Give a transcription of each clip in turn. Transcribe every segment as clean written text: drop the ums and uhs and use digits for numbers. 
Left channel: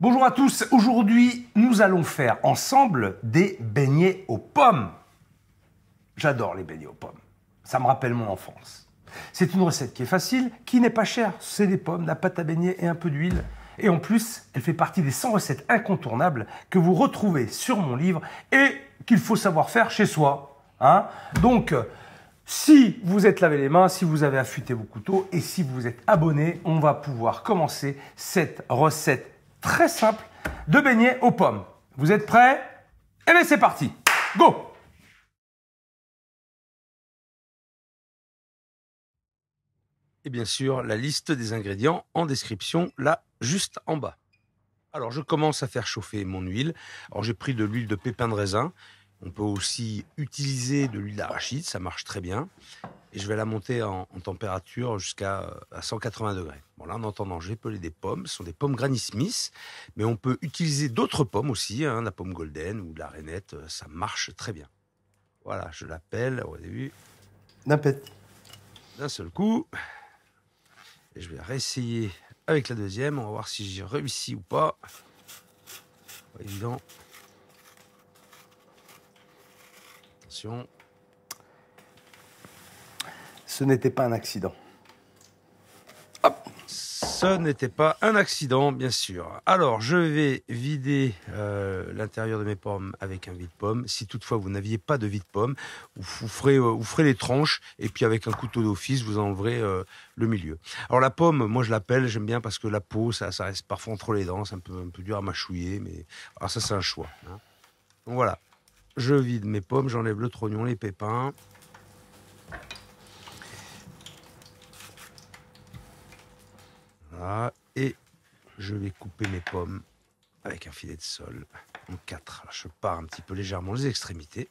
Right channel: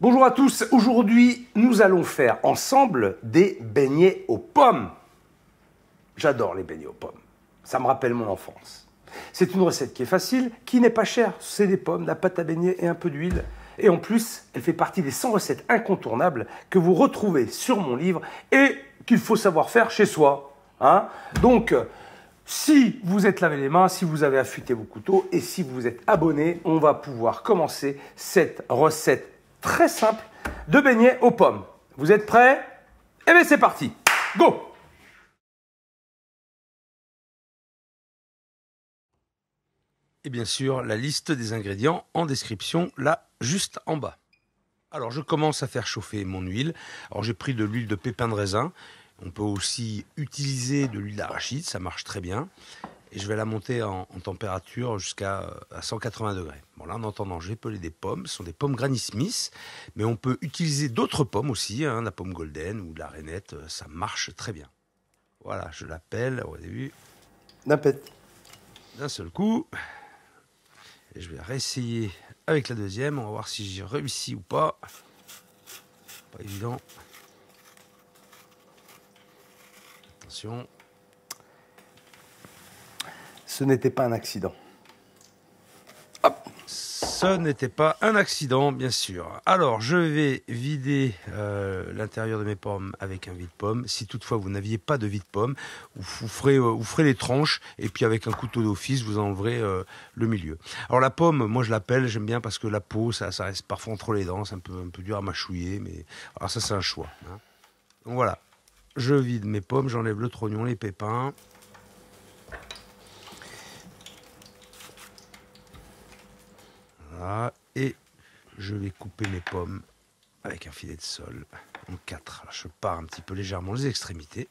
Bonjour à tous, aujourd'hui nous allons faire ensemble des beignets aux pommes. J'adore les beignets aux pommes, ça me rappelle mon enfance. C'est une recette qui est facile, qui n'est pas chère, c'est des pommes, de la pâte à beignets et un peu d'huile. Et en plus, elle fait partie des 100 recettes incontournables que vous retrouvez sur mon livre et qu'il faut savoir faire chez soi. Donc, si vous êtes lavé les mains, si vous avez affûté vos couteaux et si vous vous êtes abonné, on va pouvoir commencer cette recette très simple de beignets aux pommes. Vous êtes prêts? Eh bien c'est parti, go! Et bien sûr, la liste des ingrédients en description, là, juste en bas. Alors, je commence à faire chauffer mon huile. Alors, j'ai pris de l'huile de pépins de raisin. On peut aussi utiliser de l'huile d'arachide, ça marche très bien. Et je vais la monter en température jusqu'à 180 degrés. Bon, là, en attendant, j'ai pelé des pommes. Ce sont des pommes Granny Smith, mais on peut utiliser d'autres pommes aussi, la pomme golden ou de la rainette, ça marche très bien. Voilà, je la pèle au début. D'un seul coup. Et je vais réessayer avec la deuxième. On va voir si j'y réussis ou pas. Pas évident. Attention. Ce n'était pas un accident. Ce n'était pas un accident, bien sûr. Alors, je vais vider l'intérieur de mes pommes avec un vide-pomme. Si toutefois vous n'aviez pas de vide-pomme, vous ferez les tranches et puis avec un couteau d'office, vous enleverez le milieu. Alors la pomme, moi je l'appelle, j'aime bien parce que la peau, ça reste parfois entre les dents, c'est un peu dur à mâchouiller, mais alors ça c'est un choix. Donc voilà, je vide mes pommes, j'enlève le trognon, les pépins. Voilà, et je vais couper mes pommes avec un filet de sol en 4. Alors, je pars un petit peu légèrement les extrémités.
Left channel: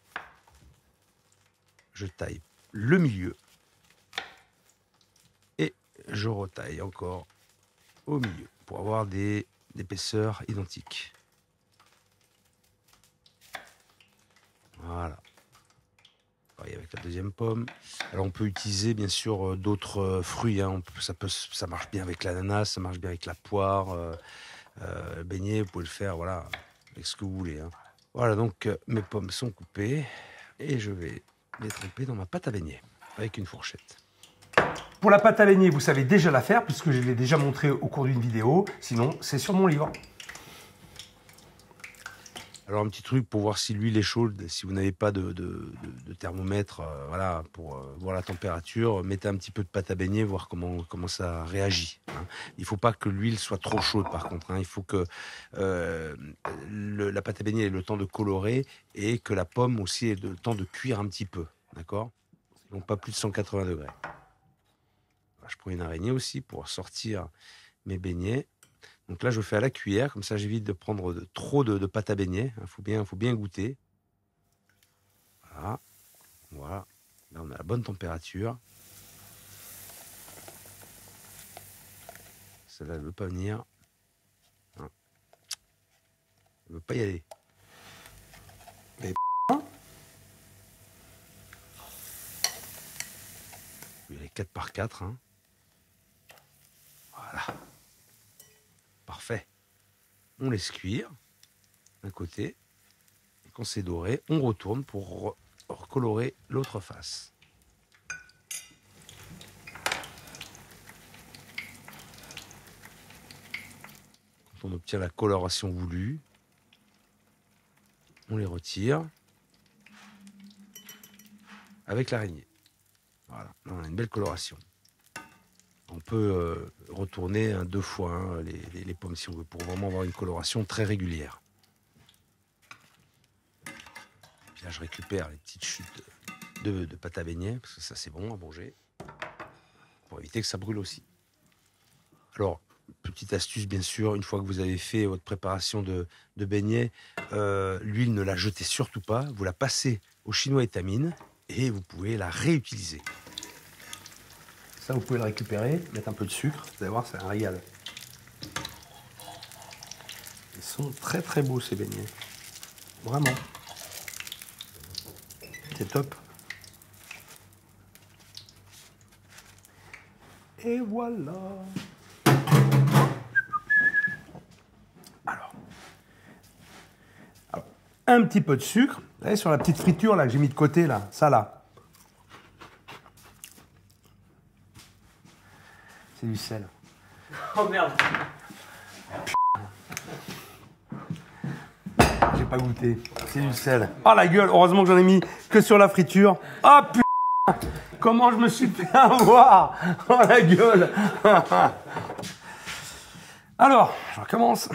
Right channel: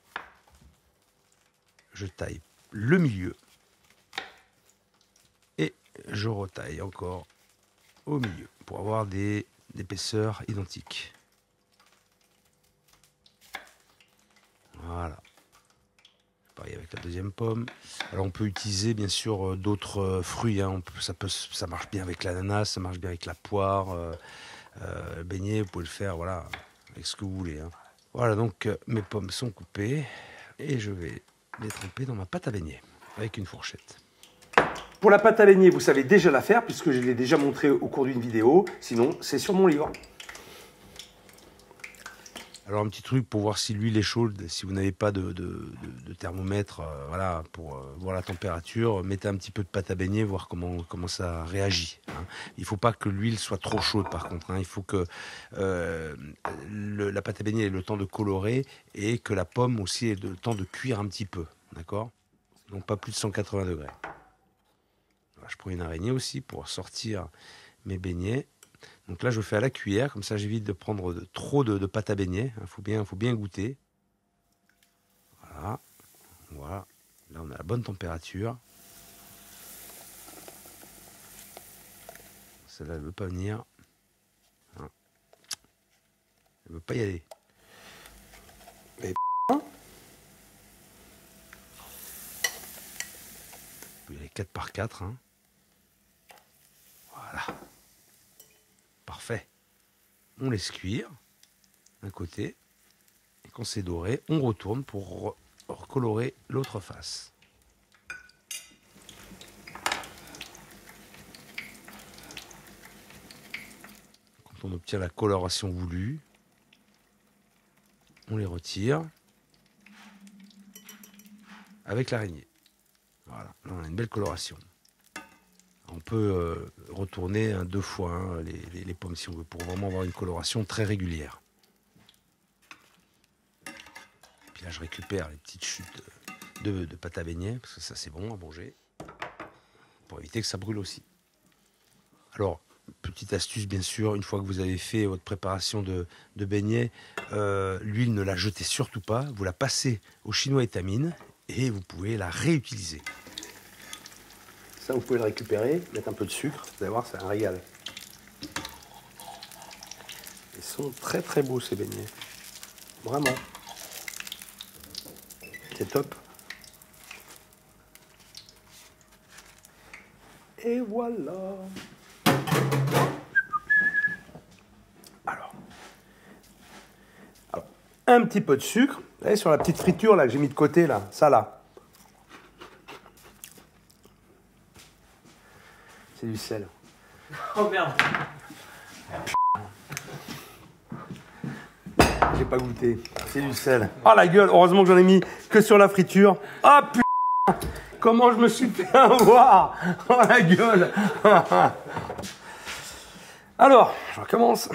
Je taille le milieu et je retaille encore au milieu pour avoir des épaisseurs identiques. Voilà. Pareil avec la deuxième pomme. Alors on peut utiliser bien sûr d'autres fruits. Ça marche bien avec l'ananas, ça marche bien avec la poire. Beignet, vous pouvez le faire voilà, avec ce que vous voulez. Voilà, donc mes pommes sont coupées et je vais les tremper dans ma pâte à beignets avec une fourchette. Pour la pâte à beignets, vous savez déjà la faire puisque je l'ai déjà montré au cours d'une vidéo. Sinon, c'est sur mon livre. Alors un petit truc pour voir si l'huile est chaude, si vous n'avez pas de thermomètre, voilà, pour voir la température, mettez un petit peu de pâte à beignets, voir comment ça réagit. Il ne faut pas que l'huile soit trop chaude par contre. Il faut que la pâte à beignets ait le temps de colorer et que la pomme aussi ait le temps de cuire un petit peu, d'accord? Donc pas plus de 180 degrés. Alors, je prends une araignée aussi pour sortir mes beignets. Donc là, je fais à la cuillère, comme ça j'évite de prendre trop de pâte à beignets. Il faut bien goûter. Voilà. Voilà. Là, on a la bonne température. Celle-là, elle ne veut pas venir. Elle ne veut pas y aller. On peut y aller 4 par 4. Voilà. Parfait. On laisse cuire d'un côté. Et quand c'est doré, on retourne pour recolorer l'autre face. Quand on obtient la coloration voulue, on les retire avec l'araignée. Voilà, là on a une belle coloration. On peut retourner 2 fois les pommes si on veut, pour vraiment avoir une coloration très régulière. Puis là je récupère les petites chutes de pâte à beignets, parce que ça c'est bon à manger, pour éviter que ça brûle aussi. Alors, petite astuce bien sûr, une fois que vous avez fait votre préparation de beignets, l'huile ne la jetez surtout pas, vous la passez au chinois étamine et vous pouvez la réutiliser. Ça, vous pouvez le récupérer, mettre un peu de sucre, vous allez voir, c'est un régal. Ils sont très très beaux ces beignets. Vraiment. C'est top. Et voilà. Alors, un petit peu de sucre. Vous voyez, sur la petite friture là que j'ai mis de côté, là, ça là. C'est du sel. Oh merde. J'ai pas goûté. C'est du sel. Oh la gueule, heureusement que j'en ai mis que sur la friture. Oh putain, comment je me suis fait avoir. Oh la gueule. Alors, je recommence.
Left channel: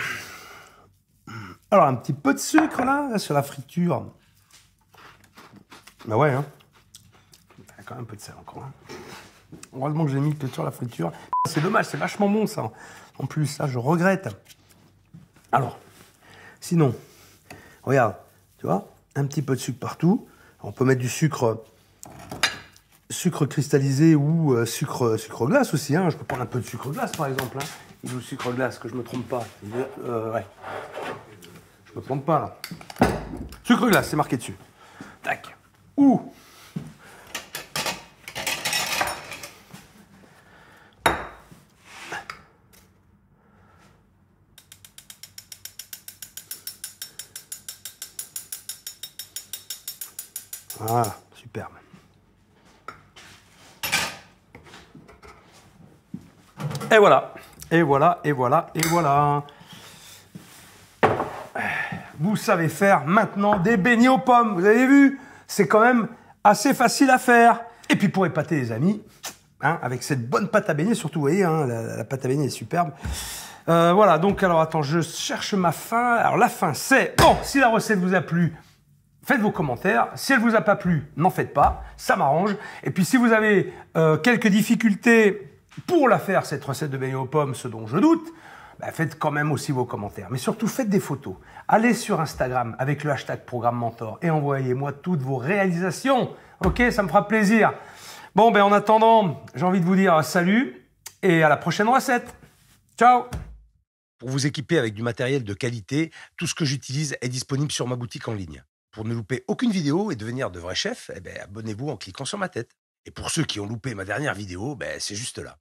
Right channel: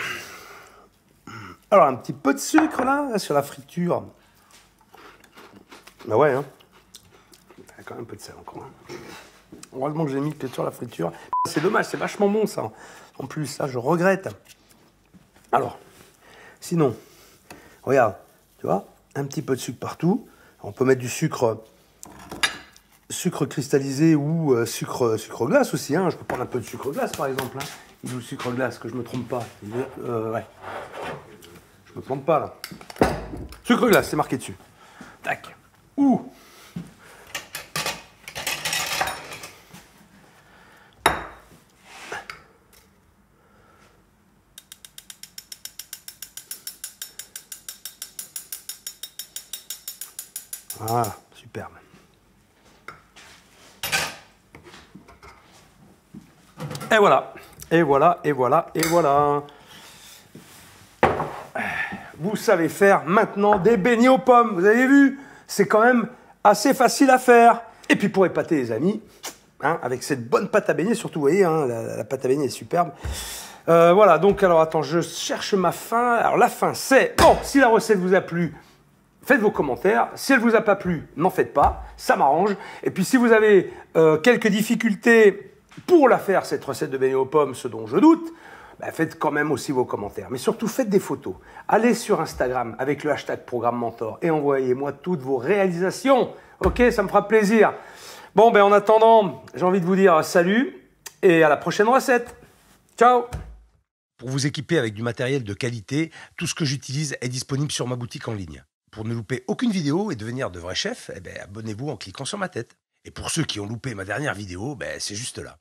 Alors, un petit peu de sucre là sur la friture. Bah ouais, hein. Il y a quand même un peu de sel encore. Heureusement que j'ai mis que sur la friture. C'est dommage, c'est vachement bon ça. En plus, ça, je regrette. Alors, sinon, regarde, tu vois, un petit peu de sucre partout. On peut mettre du sucre cristallisé ou sucre glace aussi. Hein. Je peux prendre un peu de sucre glace par exemple. Hein. Du sucre glace, que je ne me trompe pas. Ouais. Je ne me trompe pas. Sucre glace, c'est marqué dessus. Ou voilà, super. Et voilà, et voilà, et voilà, et voilà. Vous savez faire maintenant des beignets aux pommes. Vous avez vu, c'est quand même assez facile à faire. Et puis pour épater les amis, hein, avec cette bonne pâte à beignet, surtout, vous voyez, hein, la pâte à beignet est superbe. Voilà, donc alors attends, je cherche ma fin. Alors la fin c'est, bon, si la recette vous a plu, faites vos commentaires. Si elle ne vous a pas plu, n'en faites pas, ça m'arrange. Et puis si vous avez quelques difficultés pour la faire, cette recette de beignets aux pommes, ce dont je doute, bah, faites quand même aussi vos commentaires. Mais surtout, faites des photos. Allez sur Instagram avec le hashtag Programme Mentor et envoyez-moi toutes vos réalisations. Ok, ça me fera plaisir. Bon, ben en attendant, j'ai envie de vous dire salut et à la prochaine recette. Ciao! Pour vous équiper avec du matériel de qualité, tout ce que j'utilise est disponible sur ma boutique en ligne. Pour ne louper aucune vidéo et devenir de vrais chefs, eh ben, abonnez-vous en cliquant sur ma tête. Et pour ceux qui ont loupé ma dernière vidéo, ben, c'est juste là.